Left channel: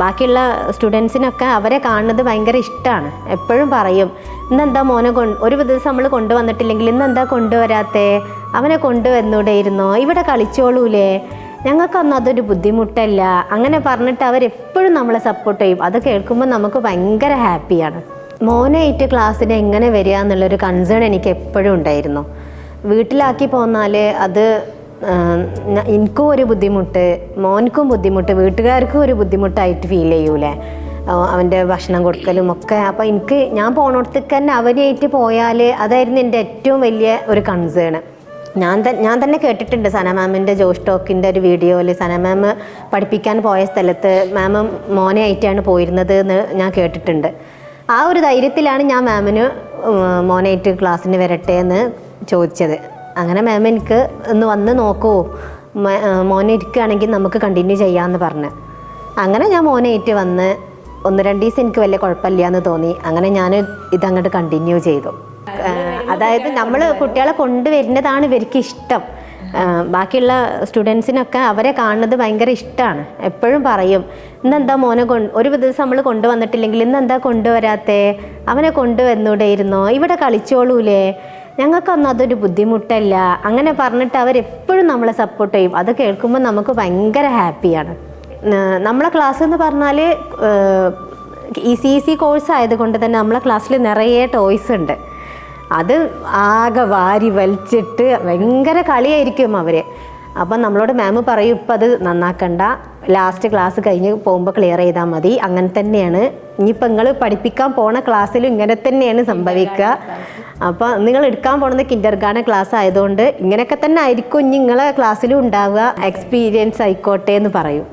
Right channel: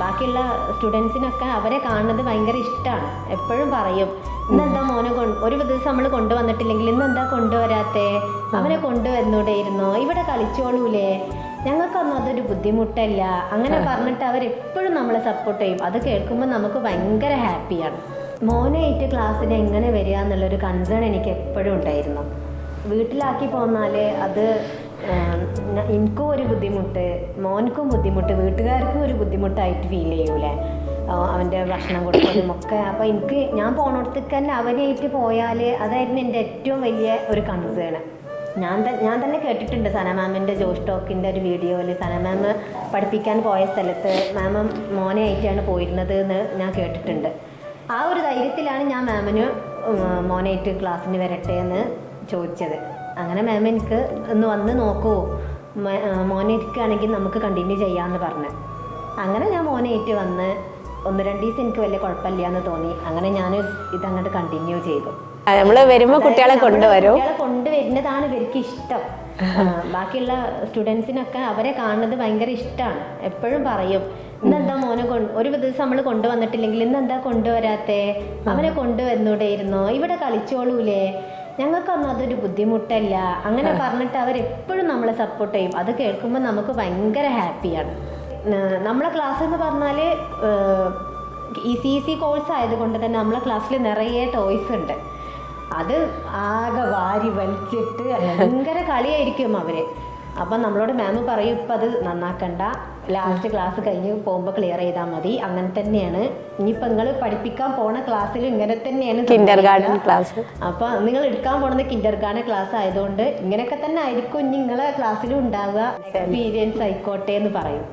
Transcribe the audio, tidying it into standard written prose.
ബാക്കിയുള്ള സ്റ്റുഡൻസിനൊക്കെ അവരെ കാണുന്നത് ഭയങ്കര ഇഷ്ടമാണ്. എപ്പോഴും പറയും, ഇന്നെന്താ മോനെ ഒരു ദിവസം നമ്മൾ കൊണ്ടുവന്നിട്ടില്ലെങ്കിൽ ഇന്നെന്താ കൊണ്ടുവരാത്തേ, അവനെ കൊണ്ടുവന്നൂടെയിരുന്നോ, ഇവിടെ കളിച്ചോളൂലേ, ഞങ്ങൾക്കൊന്നും അതൊരു ബുദ്ധിമുട്ടല്ല, അങ്ങനെ പറഞ്ഞിട്ട് അവരെപ്പോഴും നമ്മളെ സപ്പോർട്ട് ചെയ്യും. അത് കേൾക്കുമ്പോൾ നമുക്ക് ഭയങ്കര ഹാപ്പിയാണ്. മോനായിട്ട് ക്ലാസ്സിന് എങ്ങനെ വരിക എന്നുള്ളൊരു കൺസേൺ എനിക്ക് എപ്പോഴും ഉണ്ടായിരുന്നു. വീട്ടിലാക്കി പോന്നാൽ അത് എനിക്കും ഒരു ബുദ്ധിമുട്ട്, മോനക്കും ബുദ്ധിമുട്ട്, വീട്ടുകാർക്കും ഒരു ബുദ്ധിമുട്ടായിട്ട് ഫീൽ ചെയ്യൂലേ, അവൻ്റെ ഭക്ഷണം കൊടുക്കലും ഒക്കെ. അപ്പോൾ ഞാൻ പോണോടത്തേക്ക് തന്നെ അവനായിട്ട് പോയാൽ അതായിരുന്നു എൻ്റെ ഏറ്റവും വലിയ ഒരു കൺസേൺ. ഞാൻ തന്നെ കേട്ടിട്ടുണ്ട് സന മാമിൻ്റെ ജോഷ് ടോക്കിൻ്റെ ഒരു വീഡിയോയിൽ സന മാം പഠിപ്പിക്കാൻ പോയ സ്ഥലത്ത് മാം മോനെ ആയിട്ടാണ് പോയിരുന്നത് എന്ന് ഞാൻ കേട്ടിട്ടുണ്ട്. ആ ഒരു ധൈര്യത്തിലാണ് ഞാൻ മാമിന് മോനായിട്ട് ക്ലാസ്സിന് വരട്ടെ എന്ന് ചോദിച്ചത്. അങ്ങനെ മാം എനിക്ക് ഒന്ന് വന്ന് നോക്കുമോ, മോനെ ഇരിക്കുകയാണെങ്കിൽ നമുക്ക് കണ്ടിന്യൂ ചെയ്യാമെന്ന് പറഞ്ഞ് അങ്ങനെ ഞാൻ മോനായിട്ട് വന്ന് 1-2 ദിവസം എനിക്ക് വലിയ കുഴപ്പമില്ല എന്ന് തോന്നി. അങ്ങനെ ഞാൻ ഇതങ്ങോട്ട് കണ്ടിന്യൂ ചെയ്തു. കുട്ടികളെ കൊണ്ടുവരുന്നതാണ് ഇവർക്ക് ഇഷ്ടം. ബാക്കിയുള്ള സ്റ്റുഡൻസിനൊക്കെ അവരെ കാണുന്നത് ഭയങ്കര ഇഷ്ടമാണ്. എപ്പോഴും പറയും, ഇന്നെന്താ മോനെ ഒരു ദിവസം നമ്മൾ കൊണ്ടുവന്നിട്ടില്ലെങ്കിൽ ഇന്നെന്താ കൊണ്ടുവരാത്തേ, അവനെ കൊണ്ടുവന്നൂടെയിരുന്നോ, ഇവിടെ കളിച്ചോളൂലേ, ഞങ്ങൾക്കൊന്നും അതൊരു ബുദ്ധിമുട്ടല്ല, അങ്ങനെ പറഞ്ഞിട്ട് അവരെപ്പോഴും നമ്മളെ സപ്പോർട്ട് ചെയ്യും. അത് കേൾക്കുമ്പോൾ നമുക്ക് ഭയങ്കര ഹാപ്പിയാണ്. നമ്മളെ ക്ലാസ് എന്ന് പറഞ്ഞാൽ ഈസി കോഴ്സ് ആയതുകൊണ്ട് തന്നെ നമ്മളെ ക്ലാസ്സിൽ നിറയെ ടോയ്സ് ഉണ്ട്. അത് ആകെ വാരി വലിച്ചിട്ട് ഭയങ്കര കളിയായിരിക്കും അവർ. അപ്പം നമ്മളോട് മാം പറയും, ഇപ്പം അത് നന്നാക്കണ്ട, ലാസ്റ്റ് ക്ലാസ് കഴിഞ്ഞ് പോകുമ്പോൾ ക്ലിയർ ചെയ്താൽ മതി. അങ്ങനെ തന്നെയാണ് ഇനിയിപ്പോൾ നിങ്ങൾ പഠിപ്പിക്കാൻ പോണ ക്ലാസ്സിലും ഇങ്ങനെ തന്നെയാണ് സംഭവിക്കുക. അപ്പം നിങ്ങൾ എടുക്കാൻ പോണത് കിൻഡർഗാർട്ടൻ ക്ലാസ് ആയതുകൊണ്ട് ഇങ്ങനെയൊക്കെ തന്നെ ആയിരിക്കും ഇനി നിങ്ങളെ ക്ലാസ്സിലും ഉണ്ടാവുക. എക്സ്പീരിയൻസ് ആയിക്കോട്ടെ എന്ന് പറയും.